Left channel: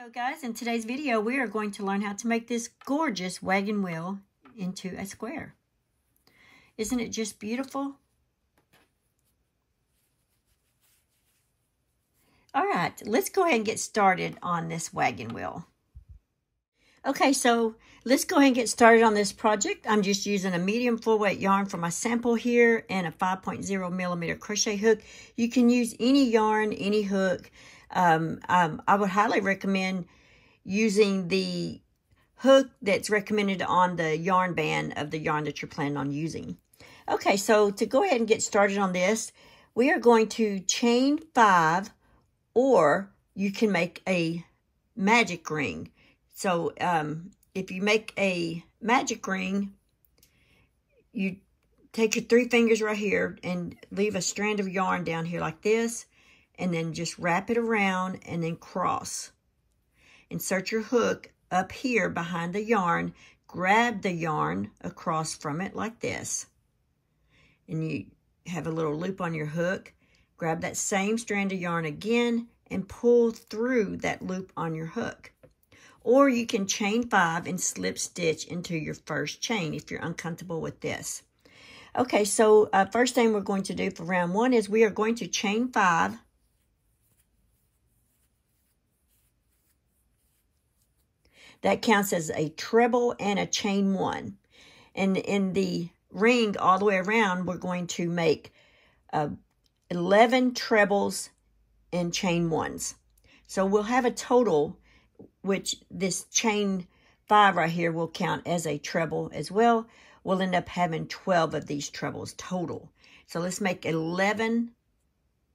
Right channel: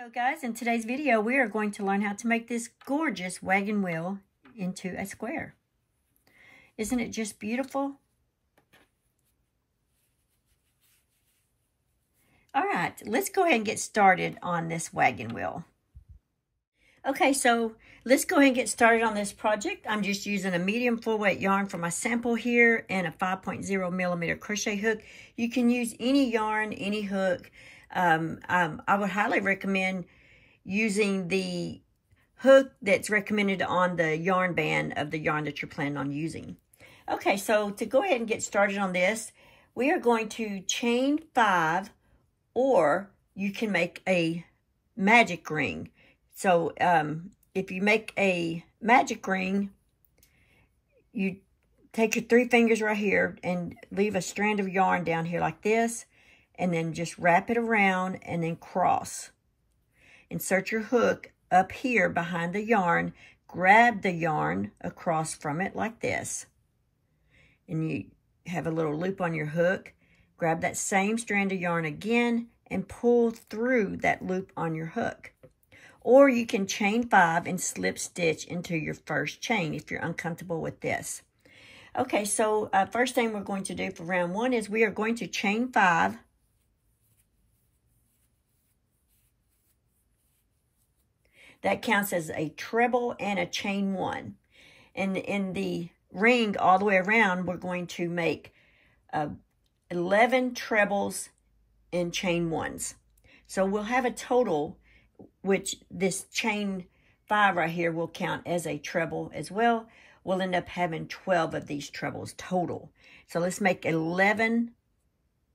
So guys, in today's video, we are going to learn how to make this gorgeous wagon wheel into a square. Isn't it just beautiful? All right, let's go ahead and get started on this wagon wheel. Okay, so let's go ahead and get started on this project. I'm just using a medium full weight yarn for my sample here and a 5.0 millimeter crochet hook. You can use any yarn, any hook. I would highly recommend using the hook that's recommended on the yarn band of the yarn that you're planning on using. Okay, so to go ahead and get started on this, we are going to chain 5, or you can make a magic ring. So if you make a magic ring, you take your 3 fingers right here and leave a strand of yarn down here like this, and then just wrap it around and then cross. Insert your hook up here behind the yarn, grab the yarn across from it like this, and you have a little loop on your hook. Grab that same strand of yarn again and pull through that loop on your hook. Or you can chain 5 and slip stitch into your first chain if you're uncomfortable with this. Okay, so first thing we're going to do for round 1 is we are going to chain 5. That counts as a treble and a chain 1. And in the ring all the way around, we're going to make 11 trebles and chain 1s. So we'll have a total, which this chain 5 right here will count as a treble as well. We'll end up having 12 of these trebles total. So let's make 11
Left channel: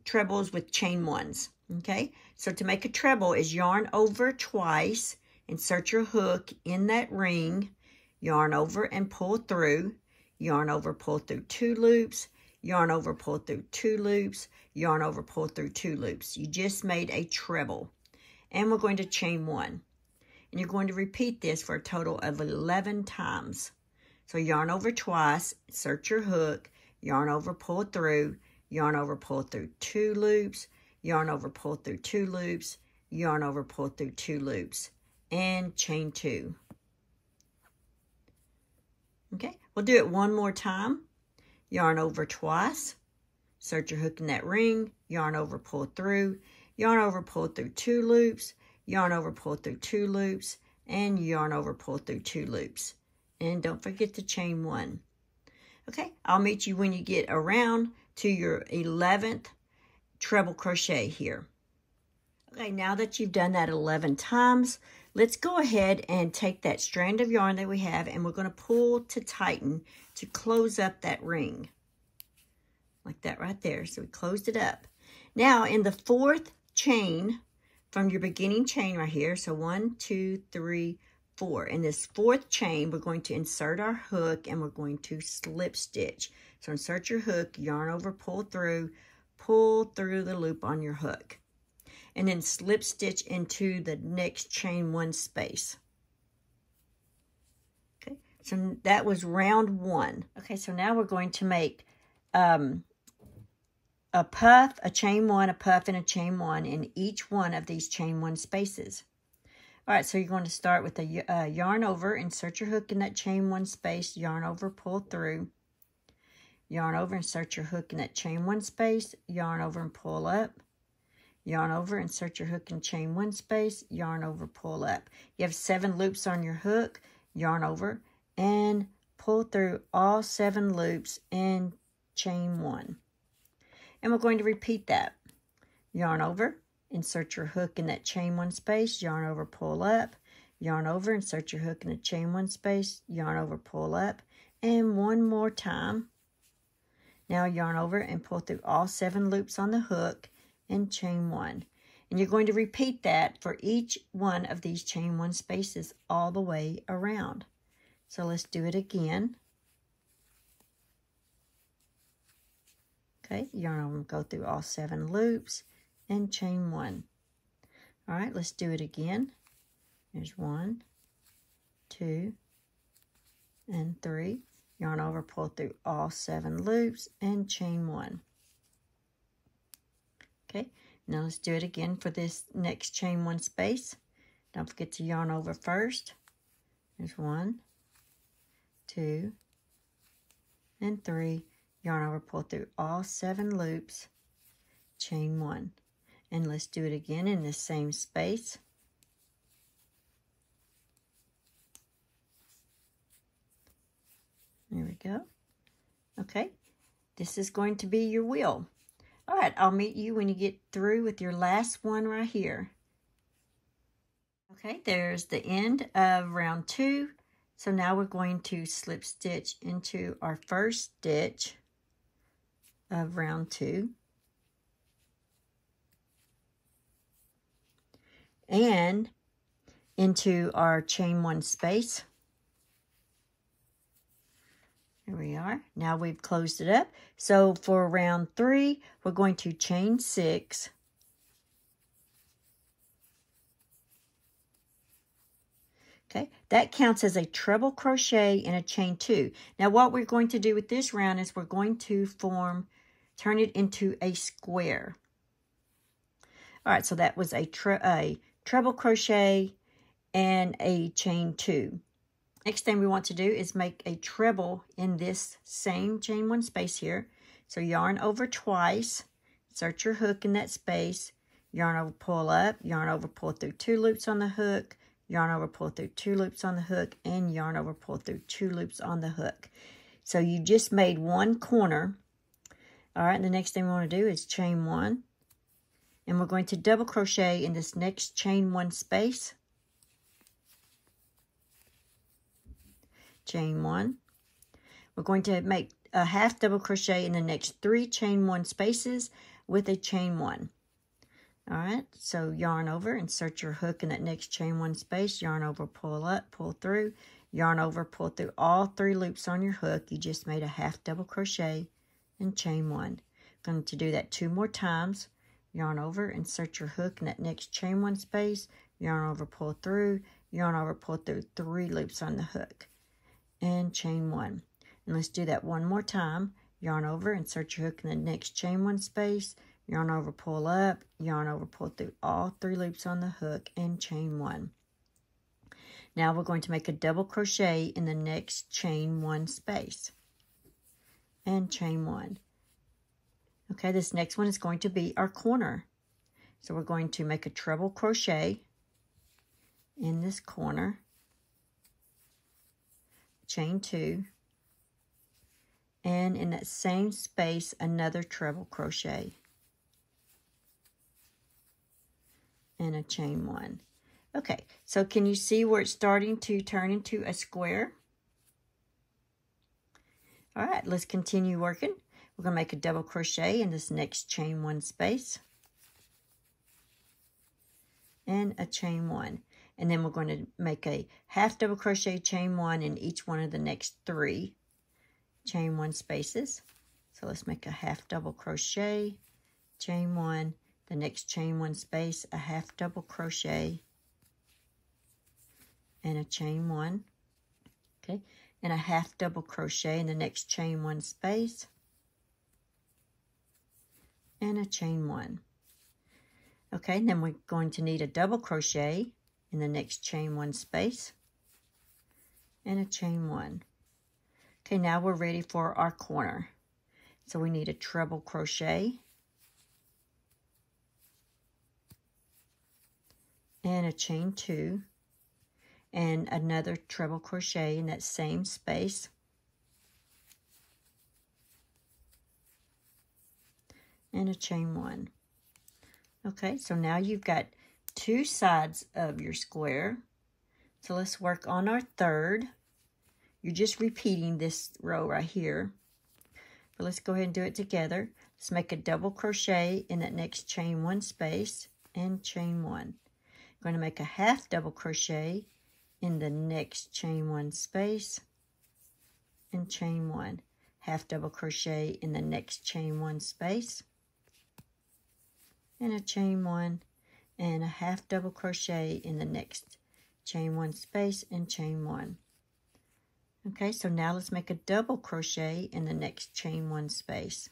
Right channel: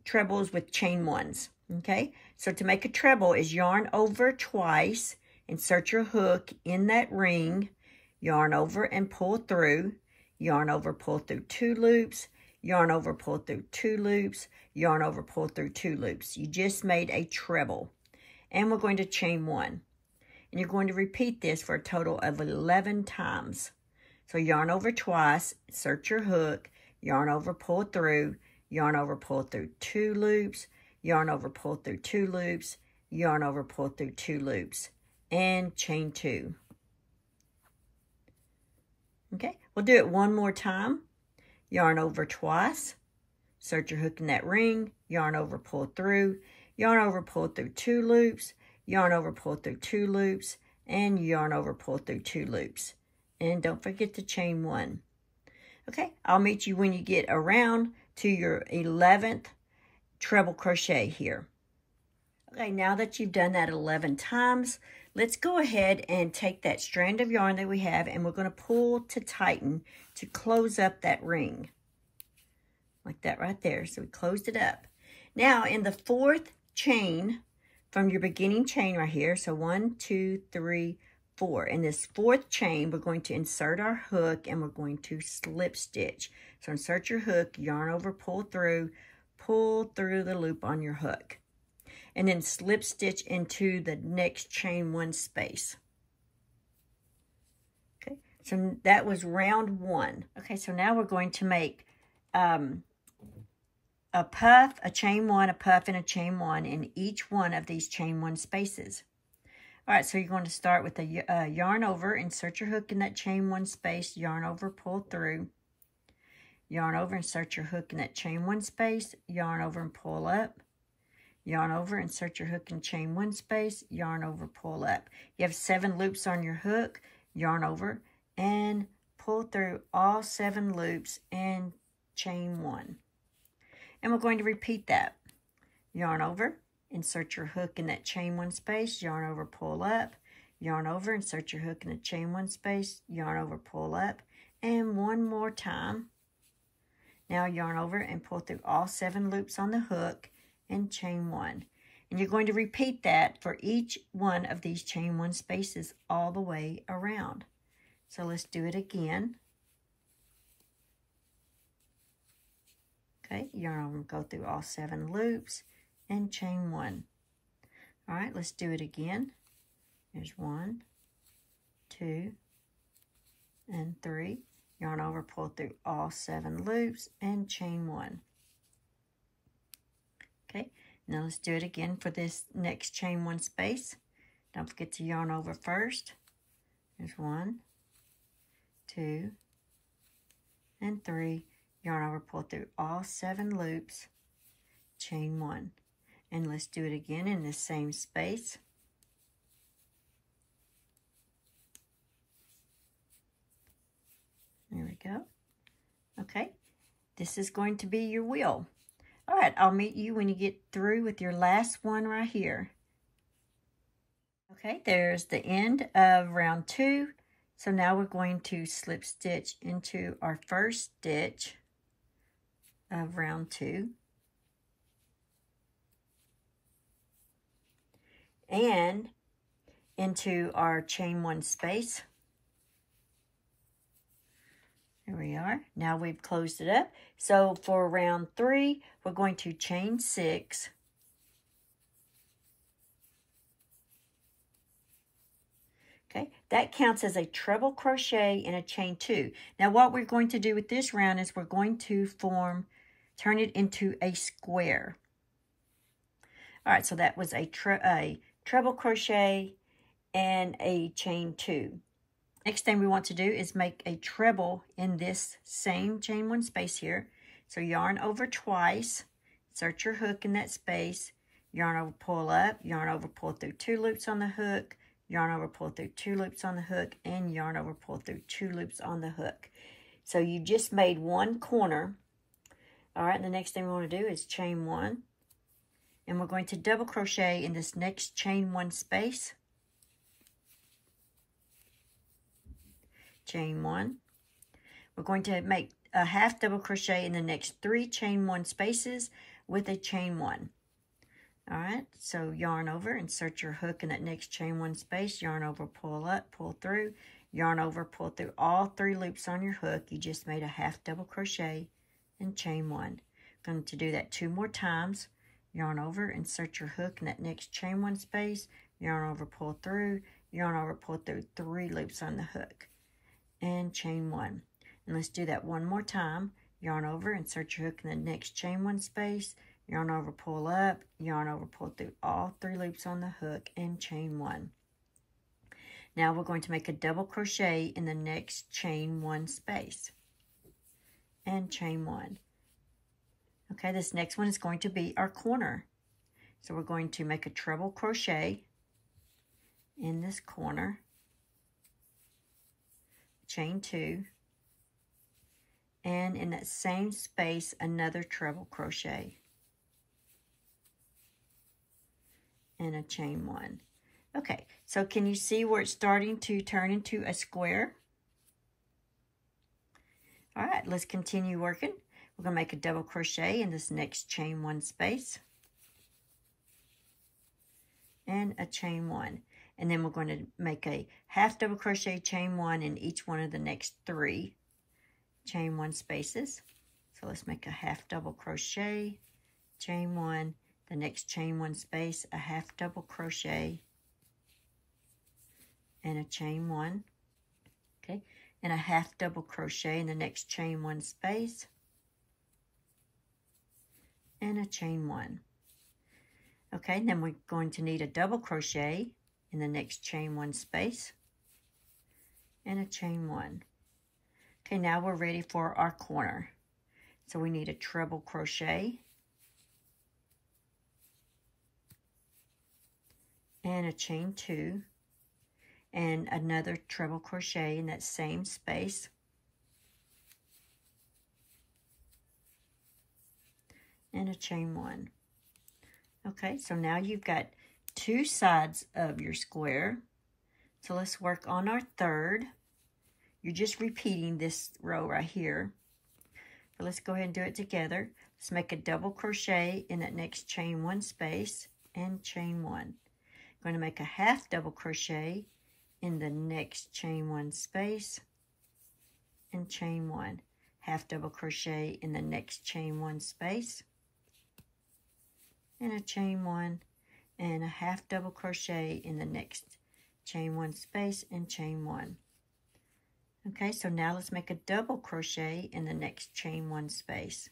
trebles with chain 1s. Okay, so to make a treble is yarn over twice, insert your hook in that ring, yarn over and pull through, yarn over, pull through 2 loops, yarn over, pull through 2 loops, yarn over, pull through 2 loops. You just made a treble. And we're going to chain 1. And you're going to repeat this for a total of 11 times. So yarn over twice, insert your hook, yarn over, pull through, yarn over, pull through 2 loops, yarn over, pull through 2 loops, yarn over, pull through 2 loops, and chain 2. Okay, we'll do it one more time. Yarn over twice, insert your hook in that ring, yarn over, pull through, yarn over, pull through 2 loops, yarn over, pull through 2 loops, and yarn over, pull through 2 loops. And don't forget to chain 1. Okay, I'll meet you when you get around to your 11th treble crochet here. Okay, now that you've done that 11 times, let's go ahead and take that strand of yarn that we have, and we're going to pull to tighten to close up that ring. Like that right there. So we closed it up. Now in the 4th chain from your beginning chain right here, so 1, 2, 3, 4. In this 4th chain, we're going to insert our hook and we're going to slip stitch. So insert your hook, yarn over, pull through the loop on your hook. And then slip stitch into the next chain 1 space. Okay, so that was round 1. Okay, so now we're going to make a puff, a chain 1, a puff, and a chain 1 in each one of these chain 1 spaces. All right, so you're going to start with a yarn over, insert your hook in that chain 1 space, yarn over, pull through, yarn over, insert your hook in that chain 1 space, yarn over and pull up, yarn over, insert your hook in chain 1 space, yarn over, pull up. You have 7 loops on your hook, yarn over, and pull through all 7 loops and chain 1. And we're going to repeat that. Yarn over, insert your hook in that chain 1 space, yarn over, pull up, yarn over, insert your hook in the chain 1 space, yarn over, pull up, and one more time. Now yarn over and pull through all 7 loops on the hook and chain 1. And you're going to repeat that for each one of these chain 1 spaces all the way around. So let's do it again. Okay, yarn over, go through all 7 loops and chain 1. All right, let's do it again. There's 1, 2, and 3. Yarn over, pull through all 7 loops and chain 1. Okay, now let's do it again for this next chain 1 space. Don't forget to yarn over first. There's 1, 2, and 3. Yarn over, pull through all 7 loops, chain 1. And let's do it again in the same space. There we go. Okay, this is going to be your wheel. All right, I'll meet you when you get through with your last one right here. Okay, there's the end of round 2. So now we're going to slip stitch into our first stitch of round 2. And into our chain 1 space. Here we are. Now we've closed it up. So for round 3, we're going to chain 6. Okay, that counts as a treble crochet in a chain 2. Now what we're going to do with this round is we're going to turn it into a square. All right, so that was a treble crochet and a chain 2. Next thing we want to do is make a treble in this same chain 1 space here. So yarn over twice, insert your hook in that space, yarn over, pull up, yarn over, pull through 2 loops on the hook, yarn over, pull through 2 loops on the hook, and yarn over, pull through 2 loops on the hook. So you just made 1 corner. All right, and the next thing we want to do is chain 1. And we're going to double crochet in this next chain 1 space. Chain 1. We're going to make a half double crochet in the next 3 chain 1 spaces with a chain 1. All right, so yarn over, insert your hook in that next chain 1 space, yarn over, pull up, pull through, yarn over, pull through all 3 loops on your hook. You just made a half double crochet and chain 1. Going to do that 2 more times. Yarn over, insert your hook in that next chain 1 space, yarn over, pull through, yarn over, pull through 3 loops on the hook, and chain 1. And let's do that 1 more time. Yarn over, insert your hook in the next chain 1 space, yarn over, pull up, yarn over, pull through all 3 loops on the hook, and chain 1. Now we're going to make a double crochet in the next chain 1 space, and chain 1. Okay, this next one is going to be our corner. So we're going to make a treble crochet in this corner, chain 2, and in that same space, another treble crochet, and a chain 1. Okay, so can you see where it's starting to turn into a square? All right, let's continue working. We're going to make a double crochet in this next chain 1 space, and a chain 1. And then we're going to make a half double crochet, chain 1 in each one of the next 3 chain 1 spaces. So let's make a half double crochet, chain 1, the next chain 1 space, a half double crochet, and a chain 1. Okay, and a half double crochet in the next chain 1 space, and a chain 1. Okay, and then we're going to need a double crochet in the next chain 1 space, and a chain 1. Okay, now we're ready for our corner. So we need a treble crochet and a chain 2 and another treble crochet in that same space, and a chain 1. Okay, so now you've got 2 sides of your square. So let's work on our third. You're just repeating this row right here. But let's go ahead and do it together. Let's make a double crochet in that next chain 1 space and chain 1. I'm going to make a half double crochet in the next chain 1 space and chain 1. Half double crochet in the next chain 1 space and a chain 1, and a half double crochet in the next chain 1 space and chain 1. Okay, so now let's make a double crochet in the next chain 1 space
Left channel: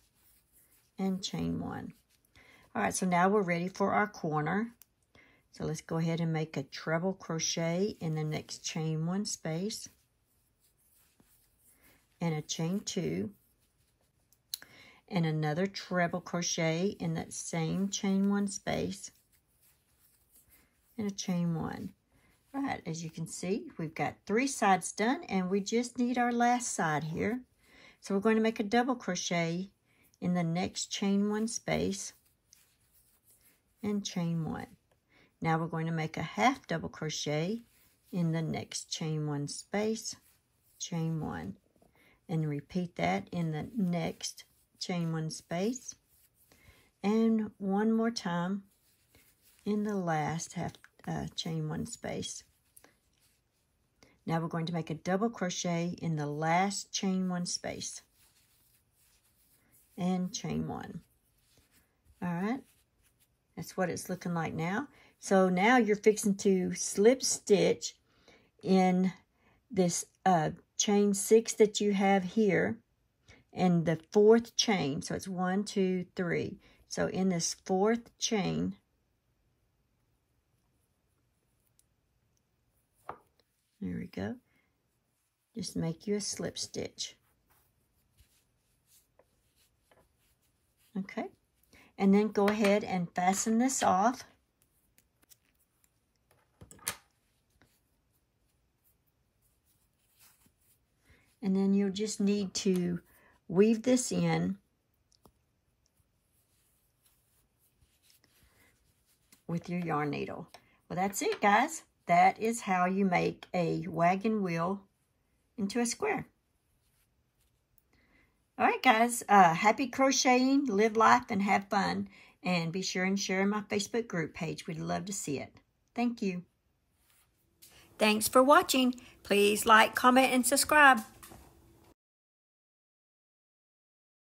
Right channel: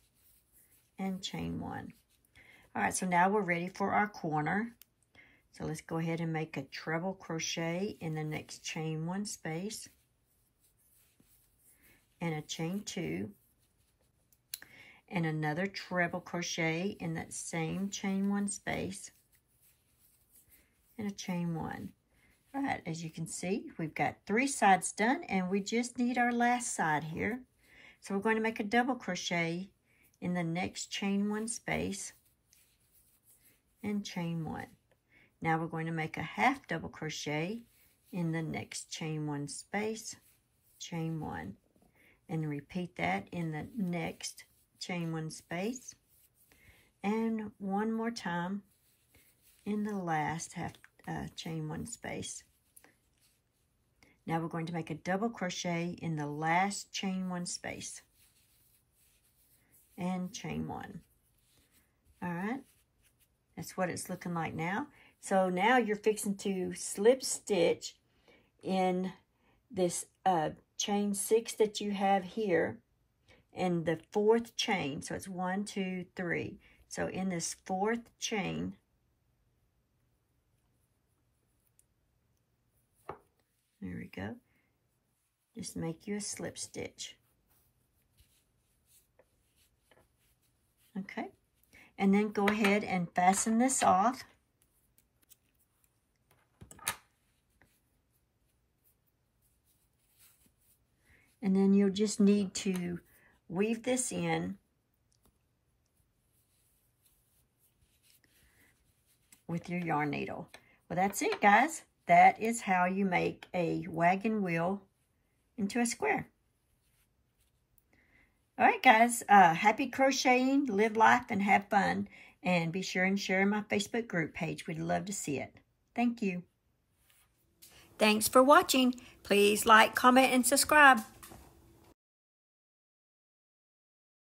and chain 1. All right, so now we're ready for our corner. So let's go ahead and make a treble crochet in the next chain 1 space, and a chain 2, and another treble crochet in that same chain 1 space, and a chain 1. All right, as you can see, we've got 3 sides done, and we just need our last side here. So we're going to make a double crochet in the next chain 1 space, and chain 1. Now we're going to make a half double crochet in the next chain 1 space, chain 1, and repeat that in the next chain 1 space, and one more time in the last half chain 1 space. Now we're going to make a double crochet in the last chain 1 space, and chain 1. All right, that's what it's looking like now. So now you're fixing to slip stitch in this chain 6 that you have here in the 4th chain. So it's 1, 2, 3. So in this 4th chain, there we go, just make you a slip stitch. Okay, and then go ahead and fasten this off. And then you'll just need to weave this in with your yarn needle. Well, that's it, guys. That is how you make a wagon wheel into a square. All right, guys. Happy crocheting, live life, and have fun. And be sure and share my Facebook group page. We'd love to see it. Thank you. Thanks for watching. Please like, comment, and subscribe.